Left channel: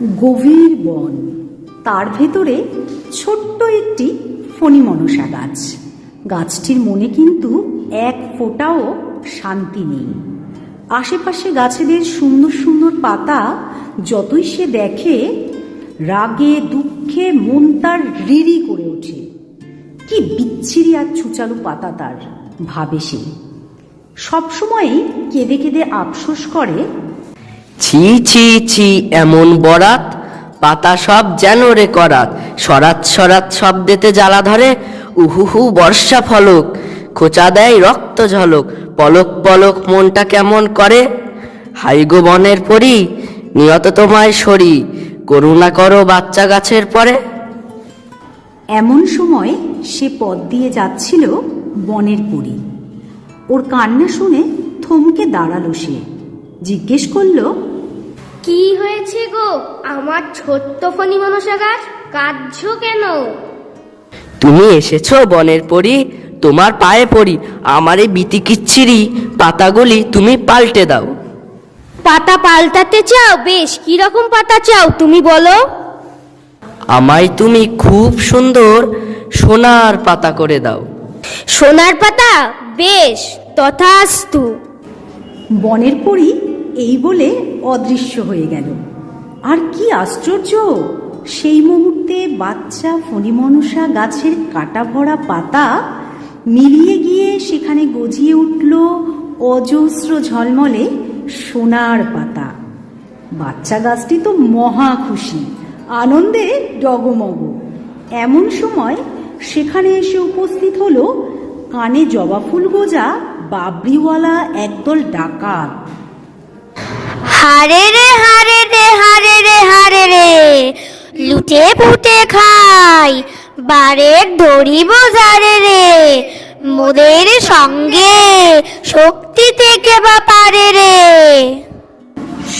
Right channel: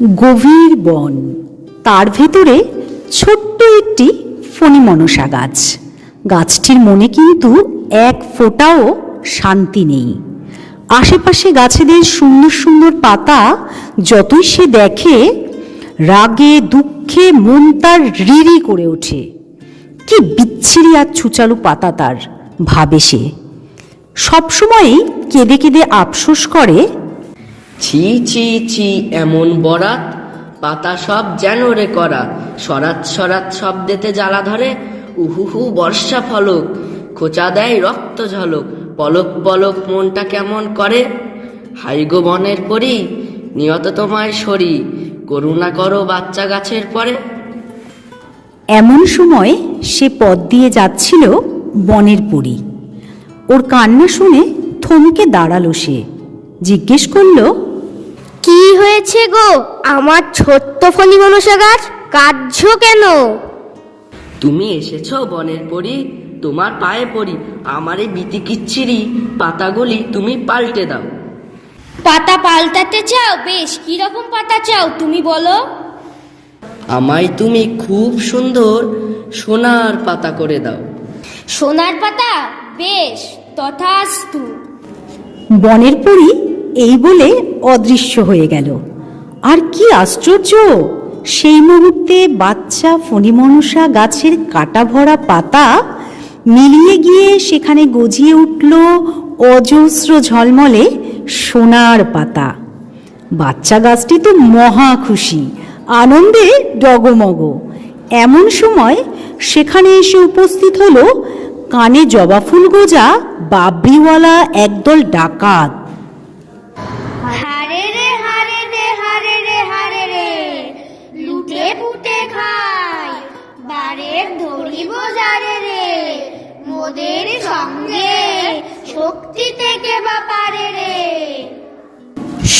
গভীর বন, তার ভেতরে ছোট্ট একটি ফণী মনসা গাছ। গাছটির মনে কিন্তু এক ফোঁটাও শান্তি নেই। আশেপাশে গাছেদের সুন্দর সুন্দর পাতা যতই সে দেখে, রাগে দুঃখে মন তার রিরি করে ওঠে। কি বিচ্ছিরি আর ছুচালু পাতা তার, ভাবে সে। সবসময়ই কেঁদে কেঁদে আফসোস করে, ছি ছি ছি, এমন বরাত, পাতা সব যেন রে করাত, সরাত সরাত শব্দেতে জ্বালা ধরে, উহুহু বর্ষা ফলক, খোঁচা দেয় রক্ত ঝলক, পলক পলক মনটা কেমন করে। হাইগো বনের পরি, নিয়ত তোমায় সরি, করুণা করো বাচ্চা গাছের পরে। এমন সময় সে পথ দিয়ে যাচ্ছিল বনের পরী। ওর কান্না শুনে থমকে দাঁড়ালো সে, জিজ্ঞেস করলো, কি হয়েছে গো আমার ছোট্ট ফণী মনসা গাছ, কাঁদছো কেন? তুমি এসেছো বনের পরি, তোমার পায়ে পড়ি, আমার এই বিতিকিচ্ছিরি পাতাগুলি তুমি পাল্টে দাও। পাতা পাল্টাতে চাও? বেশ, কি রকম পাতা চাও তুমি বলো। আমায় তুমি খুব সুন্দর সোনার পাতা করে দাও। সোনার পাতা? বেশ, তথাস্তু। বনের পরী এই বলে অদৃশ্য হয়ে গেল। আর কি আশ্চর্য, সেই মুহূর্তে বাচ্চা ফণী মনসা গাছের কাটা ভরা পাতা মিলিয়ে গিয়ে সেখানে গজিয়ে উঠল অজস্র ঝলমলে সোনার পাতা। বাচ্চা গাছটি তো মহা খুশি, আনন্দে ডগমগ। এমন সময় সেখানে এসে উপস্থিত হলো কানে জবা ফুল গোজা বাবরিওয়ালা একদল ডাকাত। হারে রে হারে রে হারে রে হারে রে, লুটে পুটে খাই, বারের ধরিব যারে রে, মোদের সঙ্গে শক্তি থেকে বা পারে রে।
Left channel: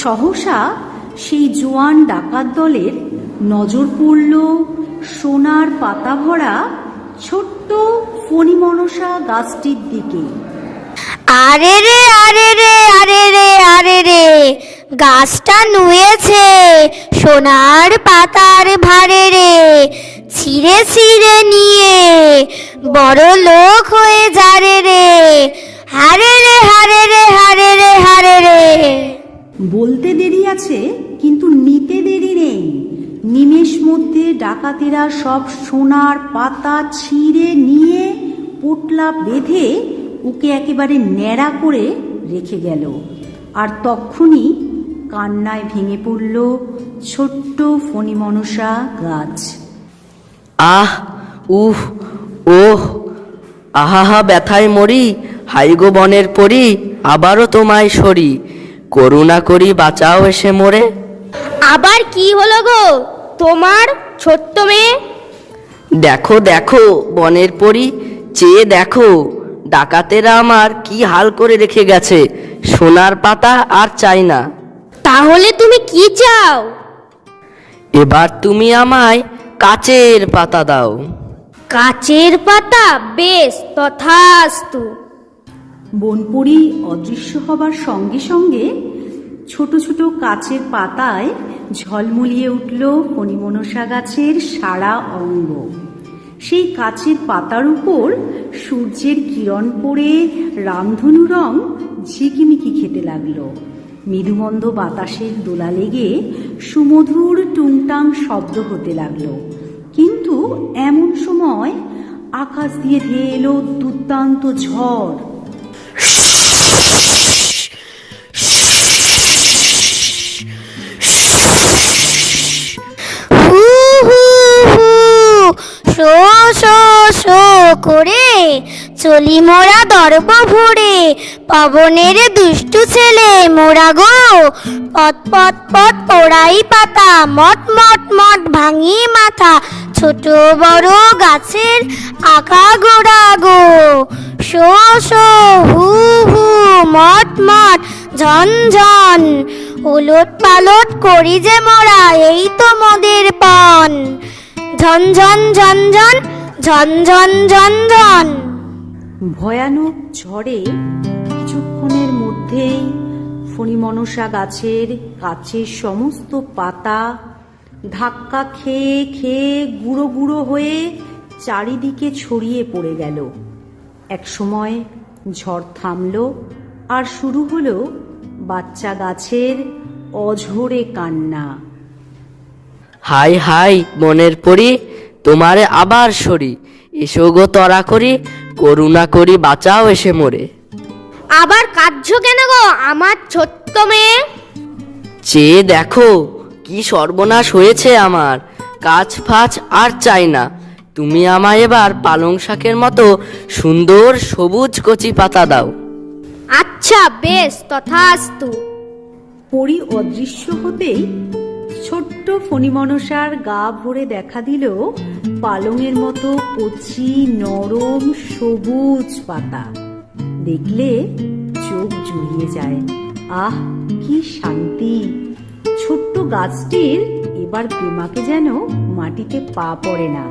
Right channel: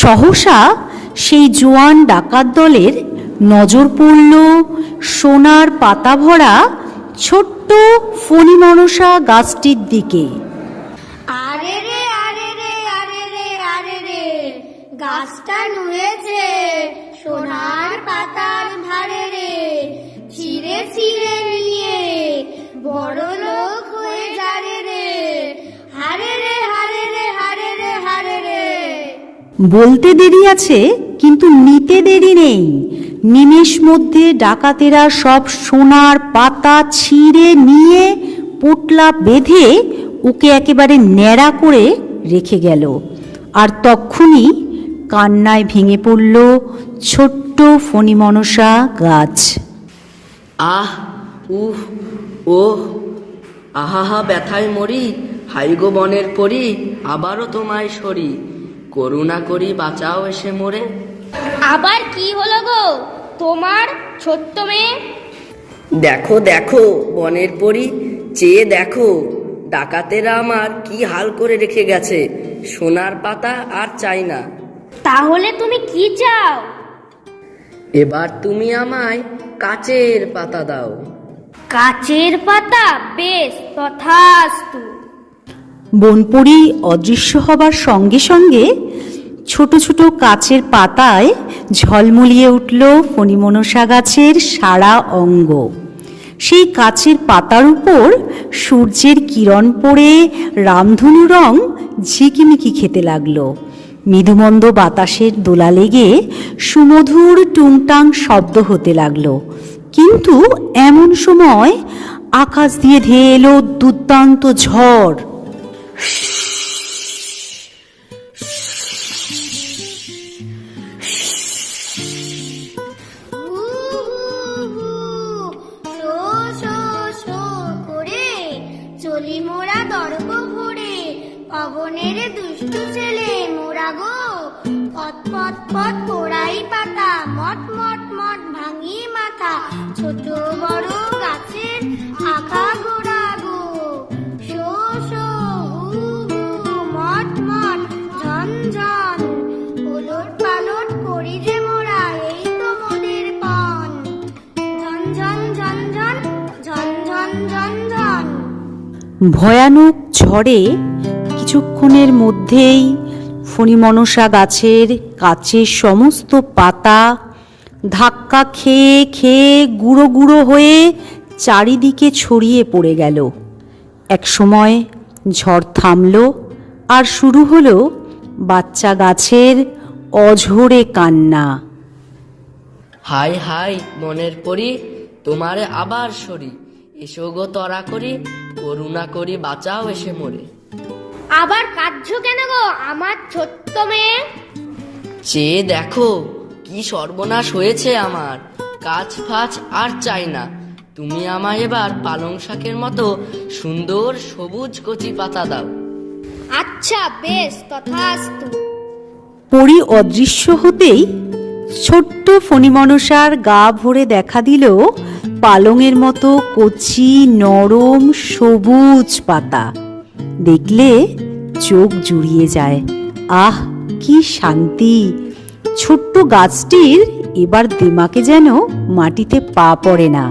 সহসা সেই জোয়ান ডাকাত দলের নজর পড়ল সোনার পাতা ভরা ছোট্ট ফণী মনসা গাছটির দিকে। আরে রে আরে রে আরে রে আরে রে, গাছটা নুয়েছে সোনার পাতার ভারে রে, ছিঁড়ে ছিঁড়ে নিয়ে বড় লোক হয়ে যারে রে, হারে রে হারে রে হারে রে হারে রে। বলতে দেরি আছে, কিন্তু নিতে দেরি নেই। নিমেষ মধ্যে ডাকাতেরা সব সোনার পাতা ছিঁড়ে নিয়ে পোটলা বেঁধে ওকে একেবারে ন্যাড়া করে রেখে গেল। আর তক্ষুনি কান্নায় ভেঙে পড়ল ছোট্ট ফণী মনসা গাছ। আহ, উহ, ওহ, আহাহা ব্যথায় মরি, হাইগো বনের পরি, আবারও তোমায় সরি, করুণা করি বাঁচাও এসে মোরে। আবার কি হলো গো তোমার ছোট্ট মেয়ে? দেখো দেখো বনের পরি, চেয়ে দেখো, ডাকাতেরা আমার কি হাল করে রেখে গেছে, সোনার পাতা আর চাই না। তাহলে তুমি কি চাও? এবার তুমি আমায় কাচের পাতা দাও। কাচের পাতা? বেশ, তথাস্তু। বনপরি অদৃশ্য হবার সঙ্গে সঙ্গে ছোট ছোট কাচের পাতায় ঝলমলিয়ে উঠল ফণী মনসা গাছের সারা অঙ্গ। সেই কাচের পাতার উপর সূর্যের কিরণ পড়ে রামধনু রং ঝিকিমিকি খেতে লাগলো। মৃদুমন্দ বাতাসের দোলা লেগে সুমধুর টুংটাং শব্দ হতে লাগলো। কিন্তু এমন সময় আকাশ দিয়ে ধেয়ে এলো দুর্দান্ত ঝড়। হু হু হু, শো শো শো করে চলি মোরা দর্প ভরে, পবনের দুষ্টু ছেলে মোরা গো, পট পট পট পোড়াই পাতা, মট মট মট ভাঙি মাথা, ছোট বড় গাছের আঁকা গোড়া গো, শো শো হু হু, মট মট ঝন ঝন, উলট পালট করি যে মোরা, এই তো মোদের পণ, ঝন ঝন ঝন ঝন ঝন ঝন ঝন ঝন। ভয়ানক ঝড়ে কিছুক্ষণের মধ্যেই ফণী মনসা গাছের কাচের সমস্ত পাতা ধাক্কা খেয়ে খেয়ে গুঁড়ো গুঁড়ো হয়ে চারিদিকে ছড়িয়ে পড়ে গেল। একসময় ঝড় থামল আর শুরু হলো বাচ্চা গাছের অঝোরে কান্না। হাই হাই বনের পরি, তোমারে আবার সরি, এসো গো তরা করি, করুণা করি বাঁচাও এসে মোরে। আবার কাঁদছো কেন গো আমার ছোট্ট মেয়ে? চেয়ে দেখো কি সর্বনাশ হয়েছে আমার, কাছ ফাছ আর চাই না, তুমি আমায় এবার পালং শাকের মতো সুন্দর সবুজ কচি পাতা দাও। আচ্ছা বেশ, তথাস্তু। পরি অদৃশ্য হতেই ছোট্ট ফণিমনসার গা ভরে দেখা দিল পালংয়ের মতো কচি নরম সবুজ পাতা। দেখলে চোখ জুড়িয়ে যায়। আহ, কি শান্তি! ছোট্ট গাছটির এবার দিমাকে যেন মাটিতে পা পড়ে না।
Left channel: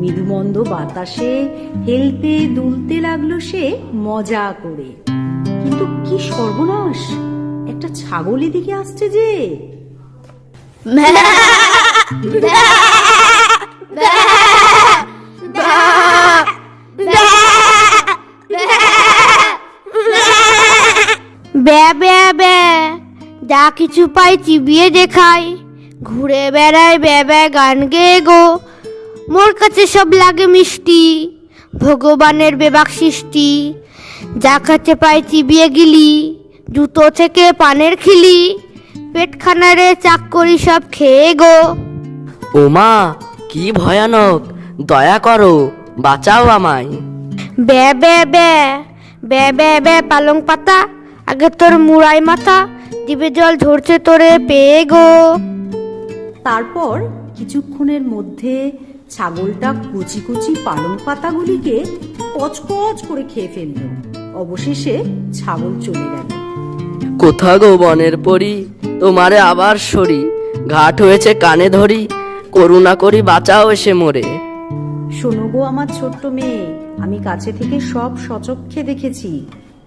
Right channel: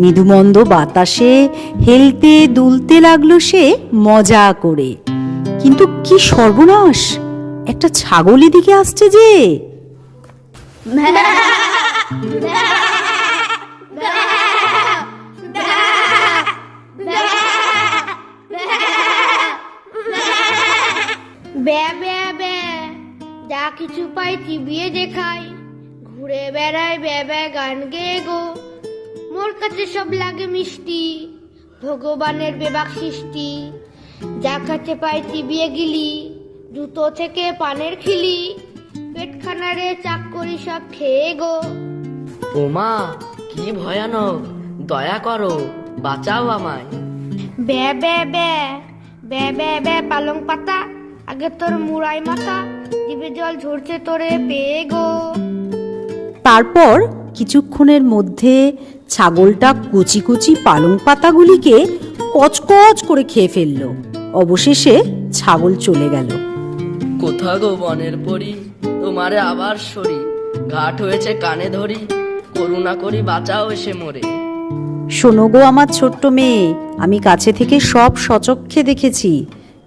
মৃদুমন্দ বাতাসে হেলতে দুলতে লাগলো সে মজা করে। কিন্তু কি সর্বনাশ! একটা ছাগল এদিকে আসছে যে। ব্যা ব্যা ব্যা, যা কিছু পাই চিবিয়ে দেখাই, ঘুরে বেড়ায় ব্যা ব্যা গান গেয়ে গো। মোর কাছে সব লাগে মিষ্টি, ভগবানের বেবাক সৃষ্টি। যা কাছে পাই চিবিয়ে গিলি, জুতো থেকে পানের খিলি, পেটখানারে চাক করি সব খেয়ে গো। ওমা কি ভয়ানক, দয়া করো বাঁচাও আমায়। ব্যা ব্যা ব্যা, ব্যা ব্যা ব্যা পালং পাতা, আগে তোর মুড়াই মাথা, জিভে জল ঝরছে তোরে পেয়ে গো। তারপর কিছুক্ষণের মধ্যে ছাগলটা কচি কচি পালং পাতাগুলিকে কচকচ করে খেয়ে ফেলল। অবশেষে ছাগল চলে গেল। কোথা গো বনের পরি, তোমারে আবার সরি, ঘাট হয়েছে কানে ধরি, করুণা করি বাঁচাও এসে মোরে। শোনো গো আমার ছোট্ট মেয়ে, আমি কাছে থেকে সব সচক্ষে দেখেছি।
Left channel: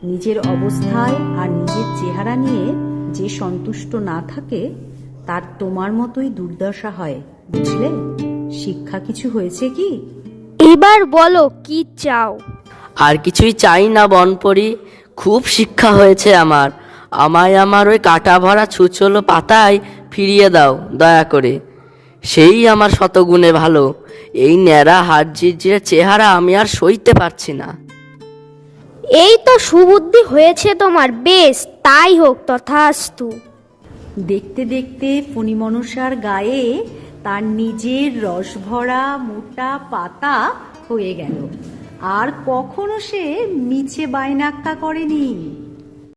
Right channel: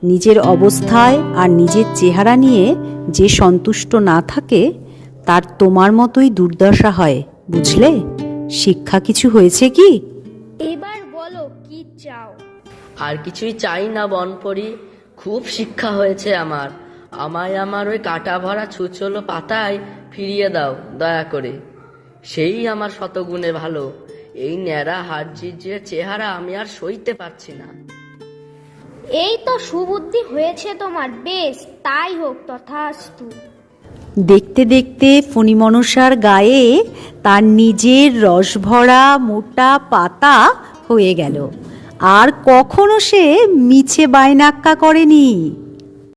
নিজের অবস্থায় আর নিজের চেহারা নিয়ে যে সন্তুষ্ট না থাকে তার তোমার মতোই দুর্দশা হয়, বুঝলে? শিক্ষা কিছু হয়েছে কি? এবার বলো কি চাও? আর কিছুই চাই না বনপরি, খুব শিক্ষা হয়েছে আমার, আমায় আমার ওই কাটা ভরা ছুচলো পাতায় ফিরিয়ে দাও দয়া করে, সেই আমার শতগুণে ভালো। এই ন্যাড়া হাড় ঝিরঝিরে চেহারা আমি আর সইতে পারছি না। এই তো সুবুদ্ধি হয়েছে তোমার, বেশ তাই হোক, তথাস্তু। দেখতে দেখতে ফণিমনসার গায়ে তার নিজের রসভরা মোটা পাতা হয়ে গেল। আর কখনো সে মিছে বায়নাক্কা করেনি।